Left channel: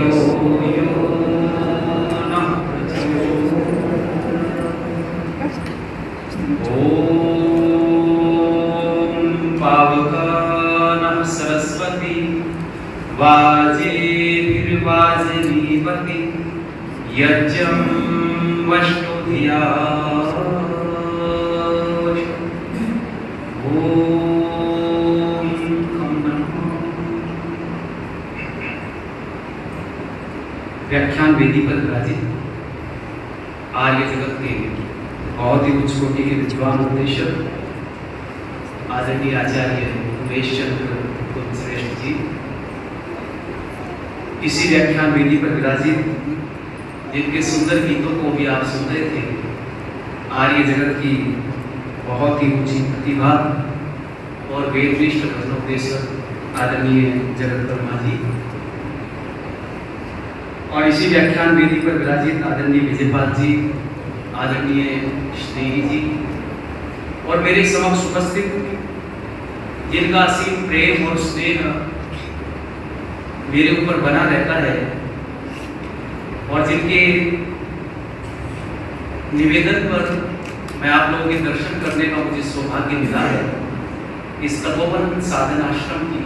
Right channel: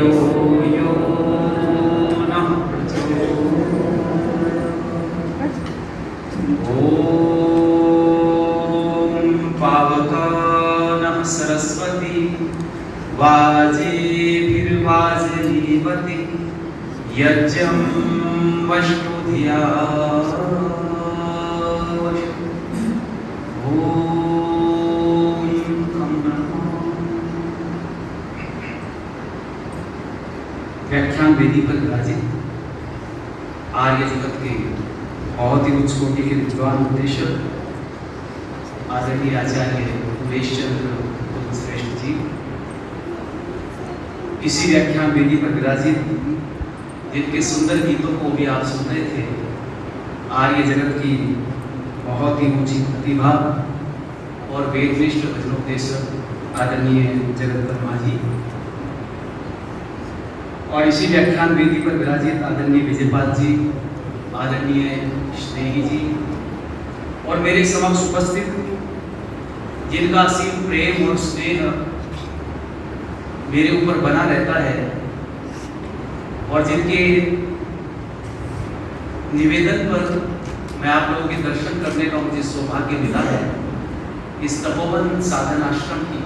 धियो यो नः प्रचोदयात्। ॐ पावकानः सरस्वती वाजेभिर्वाजनीवति यज्ञं वष्टो धिया। व्याख्यान वेदी पर विराजित आर्य जगत के बहुत ही उच्च कोटि के विद्वान उपदेशक आदरणीय आचार्य उमेश चंद्र श्रेष्ठ जी, इसी व्याख्यान वेदी पर विराजित जिनके सुंदर गीतों को भी आप सुन रहे थे, आर्य जगत की बहुत ही ऊंची प्रतिभा और वेदनिष्ठ भजनोपदेशक आदरणीय जगत वर्मा जी, और इसी व्याख्यान वेदी पर विराजित आदरणीय विजयपाल जी, आदरणीय स्नेही जी, और मेरे समक्ष उपस्थित जिनका असीम प्रेम और स्नेह मेरे ऊपर बना रहता है और जिनके निवेदन पर मैं आप लोगों के दर्शन करने का मुझे सौभाग्य मिला है। इस तपोवन साधन आश्रम की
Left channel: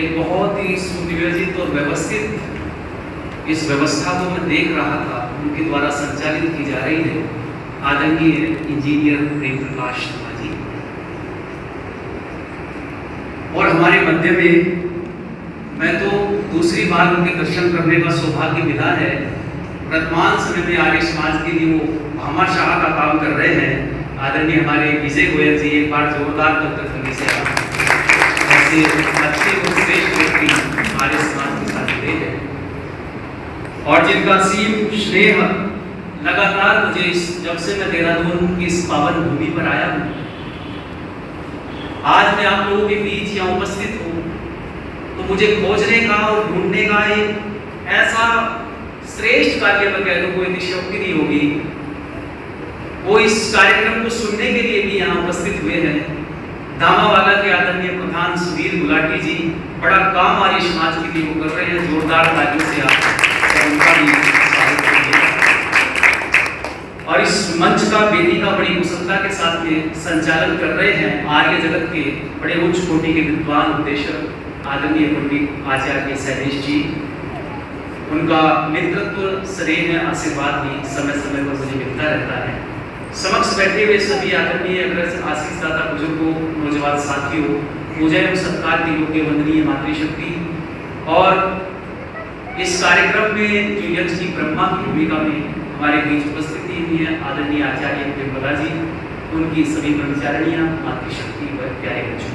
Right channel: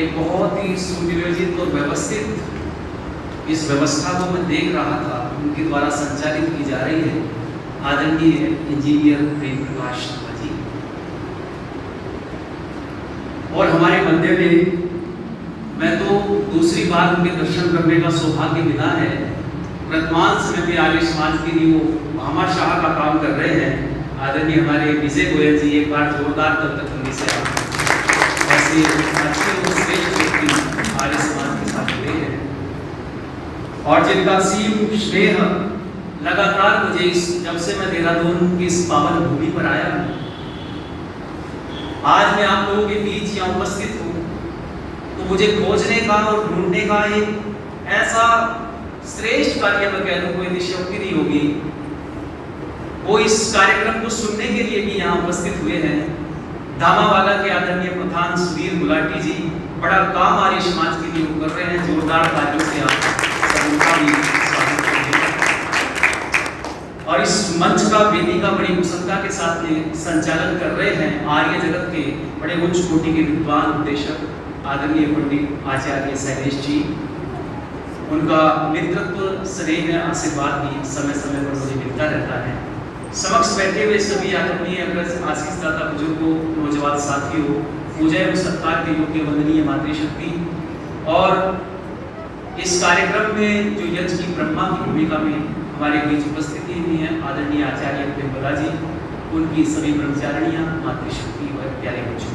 एक बहुत ही सुनियोजित और व्यवस्थित इस व्यवस्था को मैं देख रहा था, उनके द्वारा संचालित की जा रही है। आदरणीय इंजीनियर प्रेम प्रकाश शर्मा जी, और हमारे मध्य में मैं तो दूसरी बार उनके दर्शन करने का सौभाग्य मिला है। वर्तमान समय में आर्य समाज के लिए वो भामाशाह का काम कर रहे हैं। आदरणीय हमारे विजय गोयल जी, एक बार जोरदार तक से आप ऐसे अच्छे और श्रेष्ठ व्यक्ति आर्य समाज के साथ जुड़े हैं और जिनका सीम स्नेह लगातार मुझे जब से मैं देहरादून की इस पावन भूमि पर आया हूँ, आज मैं आप लोगों के बीच यहाँ उपस्थित हूँ, तो मुझे खोजने का और ढूंढने का एक ऐसा श्रेष्ठ कार्य में कह लो कोई निशक्ति नहीं होगी। वो इस कार्यक्रम को सुनने के लिए भी यहाँ उपस्थित हुए हैं। दामावाला के आदरणीय प्रधान सुधीर गुलाटी जी बड़ा काम आर्य समाज के लिए वो कर रहे हैं। जोरदार तालियों से आप सबका भी स्वागत करिए। और इस मंच का वेदी का बड़ी कुशलता के साथ में संचालन कर रहे हैं आर्य जगत के बड़े उच्च कोटि के विद्वान उपदेशक आदरणीय पंडित आचार्य शैलेश जी। उनका नेतृत्व, स्नेह, आशीर्वाद भी समय समय पर मुझे मिलता रहता है। समक्ष बैठे हुए सभी आदरणीय अग्रज आशीष दाता बुजुर्गों, नौजवान साथियों, मुझे सत्कार की योग्य वंदनीय मातृशक्ति, और इस कार्यक्रम में जो यज्ञ की ब्रह्मा की भूमिका में हमारे बीच उपस्थिति हुई है आदरणीय आचार्य प्रेमप्रभा जी, उनकी सभी ब्रह्मचारिणियां, मातृशक्ति और प्यारे बच्चों,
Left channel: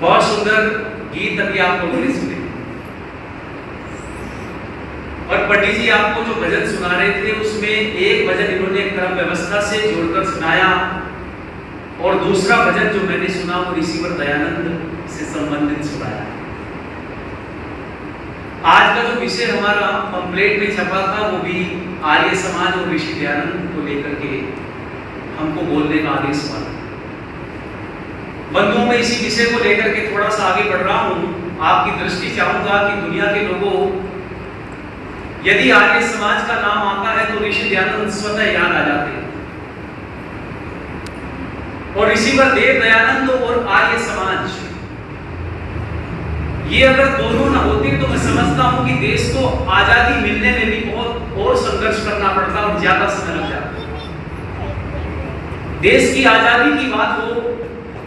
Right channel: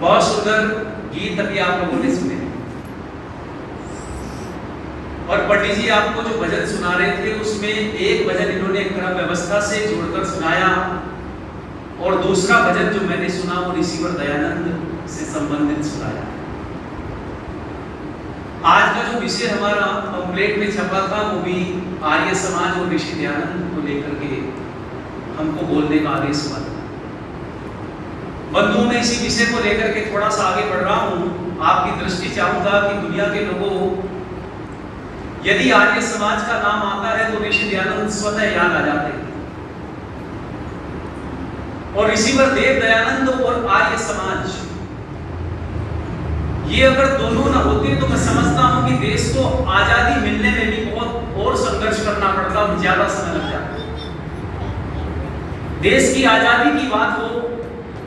बहुत सुंदर गीत अभी आप लोगों ने सुने। और पंडित जी आपको जो भजन सुना रहे थे उसमें एक भजन इन्होंने क्रम व्यवस्था से जोड़कर सुनाया और दूसरा भजन जो मैंने सुना वो ऋषिवर दयानंद से संबंधित सुनाया। आज का जो विषय हमारा पंपलेट में छपा था वो भी आर्य समाज और ऋषि दयानंद को लेकर के हमको बोलने का आदेश हुआ। बंधुओं में इसी विषय को लेकर के थोड़ा सा आगे बढ़ रहा हूँ। आपकी दृष्टि चाहूंगा कि दुनिया के लोगों, यदि आर्य समाज का नाम आता है तो ऋषि दयानंद स्वतः याद आ जाते हैं। और ऋषिवर देव दयानंद और आर्य समाज, ये अगर दोनों ना होते तो मैं समझता हूं कि देश को आजादी मिलने में भी बहुत और संघर्ष करना पड़ता और ज्यादा समय लग जाता। देश की आजादी की बात हो,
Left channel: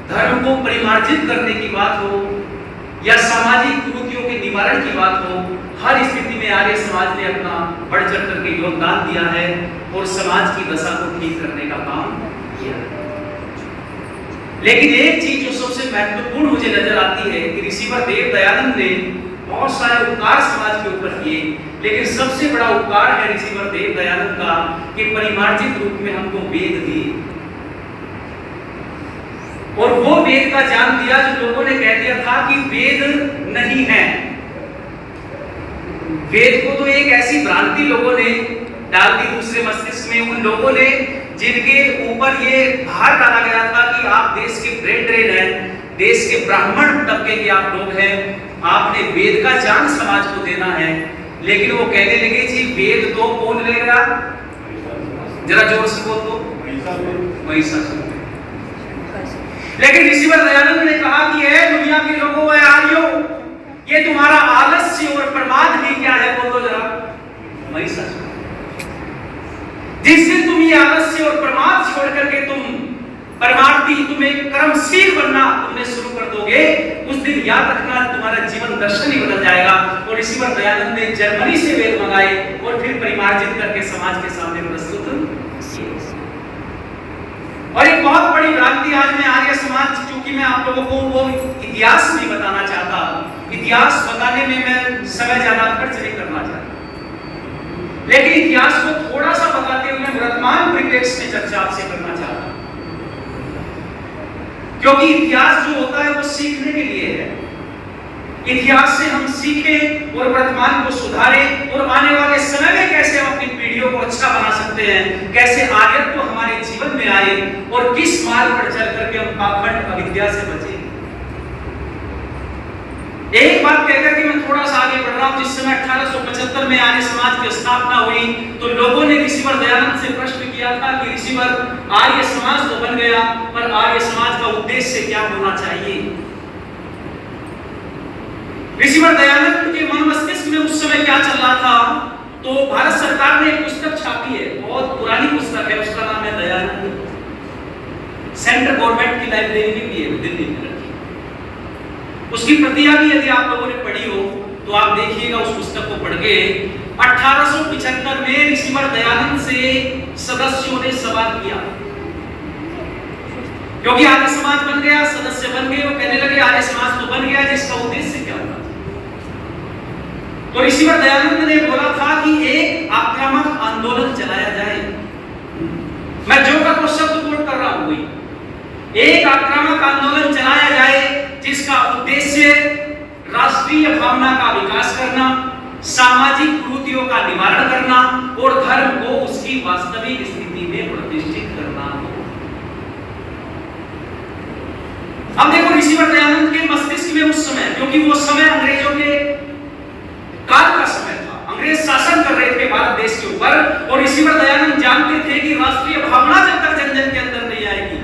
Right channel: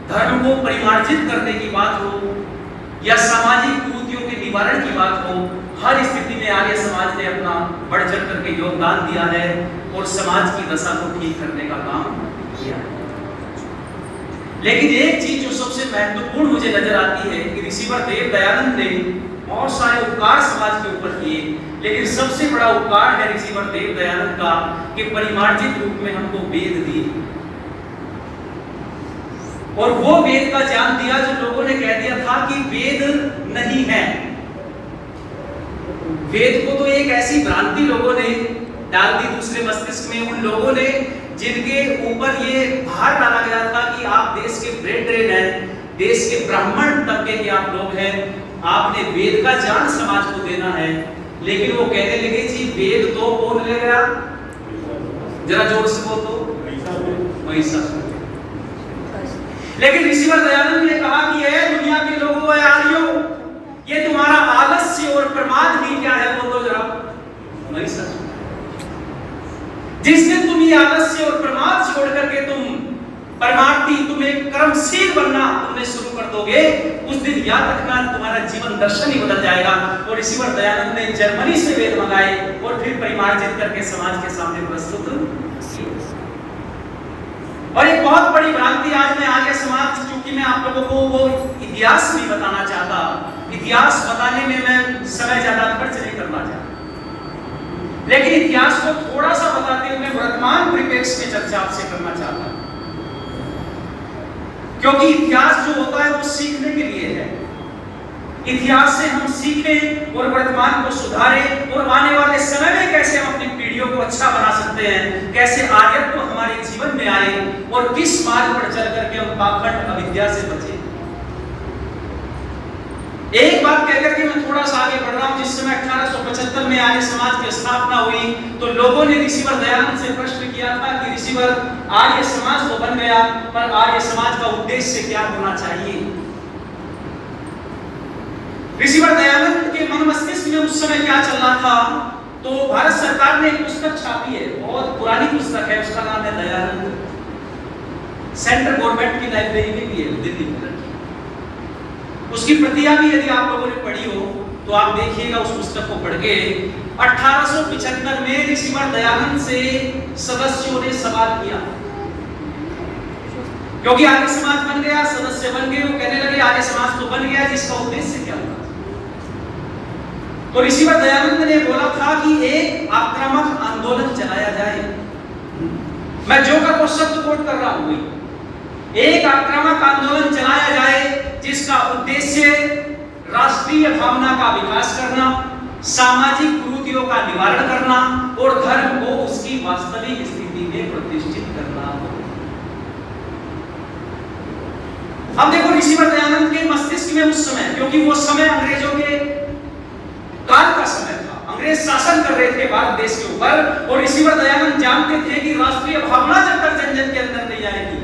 धर्म को परिमार्जित करने की बात हो, या सामाजिक कुरीतियों के निवारण की बात हो, हर स्थिति में आर्य समाज ने अपना बढ़ चढ़ करके योगदान दिया है और समाज की दशा को ठीक करने का काम किया है। लेकिन एक चीज जो सबसे महत्वपूर्ण मुझे नजर आती है कि ऋषिवर देव दयानंद ने बहुत सारे उपकार समाज के ऊपर किए, लेकिन सबसे बड़ा उपकार है ऋषिवर देव दयानंद का कि परिमार्जित रूप में हमको वेद दिए, और वो वेद का ज्ञान दिया जो लोगों ने कह दिया था कि वेद नहीं है। वेद को तो एक ऐसी भ्रांति लोगों ने डाल दी दूसरे मस्तिष्क में, उन लोगों ने जिनके ऊपर ये भार डाला गया था कि आप देश के ब्रेन ड्रेन हैं, देश के ब्राह्मण तबके के आप लोग हैं, आपने वेद का ज्ञान समाज को देना है, लेकिन वो कहने लगे जी वेद तो कौन ले गया, जरा जोर से बोल दो, महिषासुर। लेकिन ऋषिवर दयानंद ने कहा कि है दुनिया के लोगों, है आर्यों, ये तुम्हारा आलस्य और प्रमाद ही क्या है, बोल दो जरा, महिषासुर। जिस दिन तुम ये आलस्य और प्रमाद छोड़ करके तुम परमार्थी, तुम्हें कर्मशील बनना तुमने शुरू कर दोगे, उस दिन याद रखना तुम्हारा जीवन दर्शन ही बदल जाएगा। और ऋषिवर दयानंद ने जर्मनी से वेद मंगाए और फिर परिमार्जित करके समाज के सामने प्रस्तुत किए। और एक बहुत बड़ी भ्रांति आज मैं आर्य समाज, क्योंकि मैं आप लोगों को वो इतिहास नहीं बताना चाहता, इतिहास बताने में मैं समय ज्यादा खर्च नहीं करना चाहता, लेकिन इतिहास को थोड़ा सा बताते हुए वर्तमान परिप्रेक्ष्य में चर्चा आपसे करना चाहता हूं, क्योंकि इतिहास जो होता है वो सीखने के लिए है। इतिहास से हम सीखें और वर्तमान को सुधारें और आने वाले समय में कैसे हम अपनी पीढ़ियों को अच्छा बना सकते हैं, कैसे आर्यत्व हमारे जीवन में आए और किस मार्ग पर चल करके हम पाखंड अविद्या से बचें। एक बात कहकर के मैं थोड़ा सा आगे बढ़ रहा हूं। जिस समय 1875 में आर्य समाज की स्थापना हुई तो लोगों ने ऋषिवर दयानंद से प्रश्न किया था कि ऋषिवर, आर्य समाज तो बन गया, पर आर्य समाज का उद्देश्य क्या होना चाहिए। ऋषिवर दयानंद के मन मस्तिष्क में उस समय क्या चल रहा था, तो भारत सरकार ने एक पुस्तक छापी है, बहुत पुरानी पुस्तक है, उसका नाम है दयानंद, सेंट्रल गवर्नमेंट की लाइब्रेरी में भी है दिल्ली में। उसकी प्रतियां भी यदि आप लोगों ने पढ़ी हो तो आप देखिएगा उस पुस्तक को पढ़ के। 1875 में ऋषिवर दयानंद से सदस्यों ने सवाल किया, क्योंकि आर्य समाज बन गया, सदस्य बन गए, वो कहने लगे आर्य समाज तो बन गया, जिसका उद्देश्य क्या था। तो ऋषिवर दयानंद ने बोला था कि एक आक्रामक आंदोलन चलाया जाए। मैं जो का शब्द कोट कर रहा हूं, एक आक्रामक आंदोलन चलाया जाए जिसका उद्देश्य राष्ट्रीय भावना का विकास करना, सामाजिक कुरीतियों का निवारण करना और धर्म को उसकी वास्तविक स्थिति में प्रतिष्ठित करना। अब देखो ऋषिवर दयानंद के मस्तिष्क में उस समय, क्योंकि वो समय अंग्रेजों के काल का समय था, अंग्रेज शासन कर रहे थे भारत देश के ऊपर, और ऋषिवर दयानंद जानते थे कि राष्ट्रीय भावना जब तक जन जन के अंदर नहीं आएगी,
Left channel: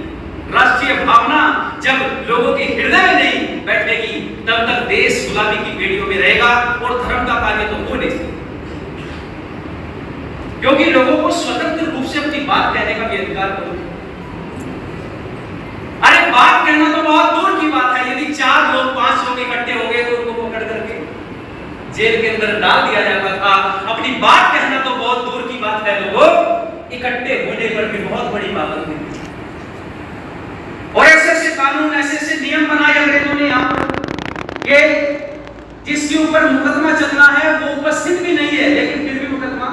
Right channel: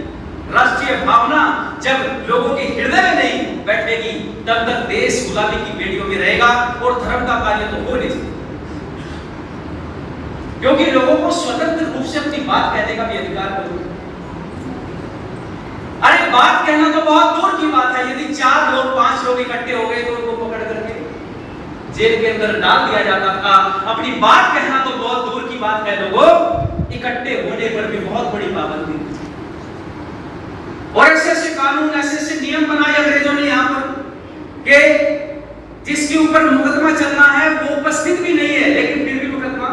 राष्ट्रीय भावना जब लोगों के हृदय में नहीं बैठेगी, तब तक देश गुलामी की बेड़ियों में रहेगा और धर्म का कार्य तो हो नहीं सकता, क्योंकि लोगों को स्वतंत्र रूप से अपनी बात कहने का भी अधिकार होता है। अरे बात कहना तो बहुत दूर की बात है, यदि 4 लोग 5 लोग इकट्ठे हो गए तो उनको पकड़ करके जेल के अंदर डाल दिया जाता था। अपनी बात कहना तो बहुत दूर की बात है, लोगों इकट्ठे होने पर भी बहुत बड़ी पाबंदी थी। और ऐसे कानून, ऐसे नियम बनाए अंग्रेजों ने यहाँ पर कि जिसके ऊपर मुकदमा चलना है वो उपस्थित भी नहीं है, लेकिन फिर भी मुकदमा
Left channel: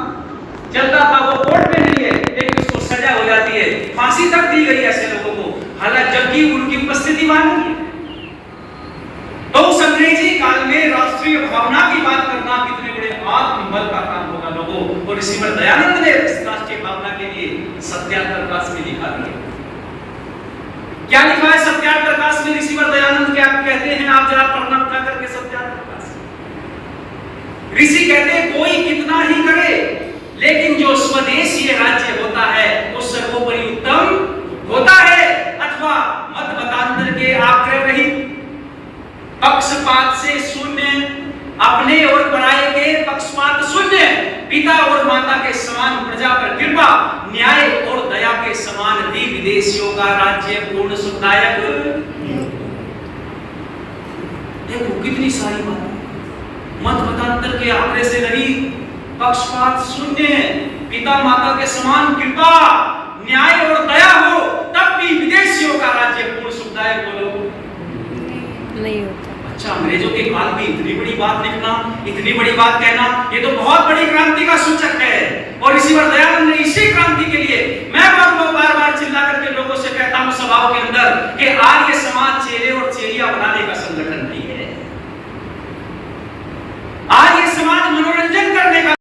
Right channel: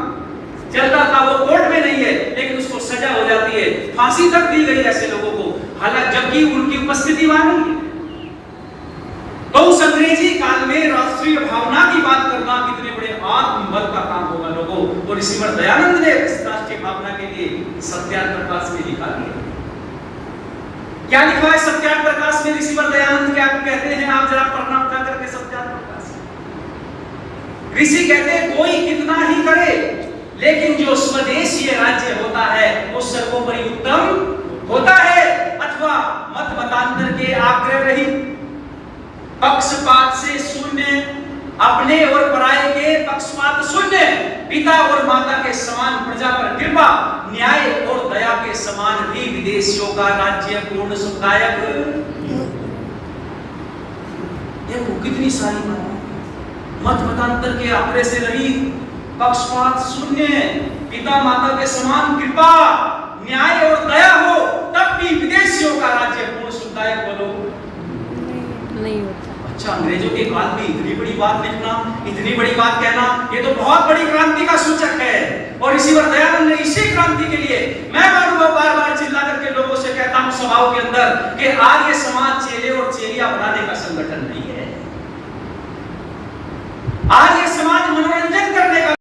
चलता था, वो कोर्ट में नहीं है लेकिन उसको सजा हो जाती है, फांसी तक दी गई ऐसे लोगों को, हालांकि जबकि उनकी उपस्थिति मालूम है। तो उस अंग्रेजी काल में राष्ट्रीय भावना की बात करना कितने बड़े आत्मबल का काम होगा लोगों। और ऋषिवर दयानंद ने राष्ट्रीय भावना के लिए सत्याग्रह प्रकाश में लिखा दिया। क्या लिखा है सत्याग्रह प्रकाश में ऋषिवर दयानंद, क्या कहते हैं आप जरा पढ़ना उठा करके सत्याग्रह प्रकाश। ऋषि कहते हैं कोई कितना ही करे लेकिन जो स्वदेशीय राज्य होता है वो सर्वोपरि उत्तम होता है, अथवा मत मतांतर के आग्रह रहित, पक्षपात से शून्य, अपने और पराये के पक्षपात शून्य, पिता और माता के समान प्रजा पर कृपा, न्याय और दया के समान भी विदेशियों का राज्य पूर्ण सुखदायक। देखो कितनी सारी बात, मत मतांतर के आग्रह से रहित, पक्षपात शून्य, पिता माता के समान कृपा, न्याय और दया हो, तब भी विदेशियों का राज्य पूर्ण सुखदायक। बोलो नहीं होता। अच्छा, अंग्रेजों के काल में इतनी बड़ी बात लिखना, इतनी बड़ी बात कहना, ये तो बहुत बड़ी क्रांति का सूचक है। और ऋषिवर दयानंद ने इसी क्रांति के लिए, मैं बार बार चिल्ला करके लोगों से कहता हूं सभाओं के अंदर कि आर्य समाज चेले और चेलिया बनाने का संगठन नहीं है। आर्य समाज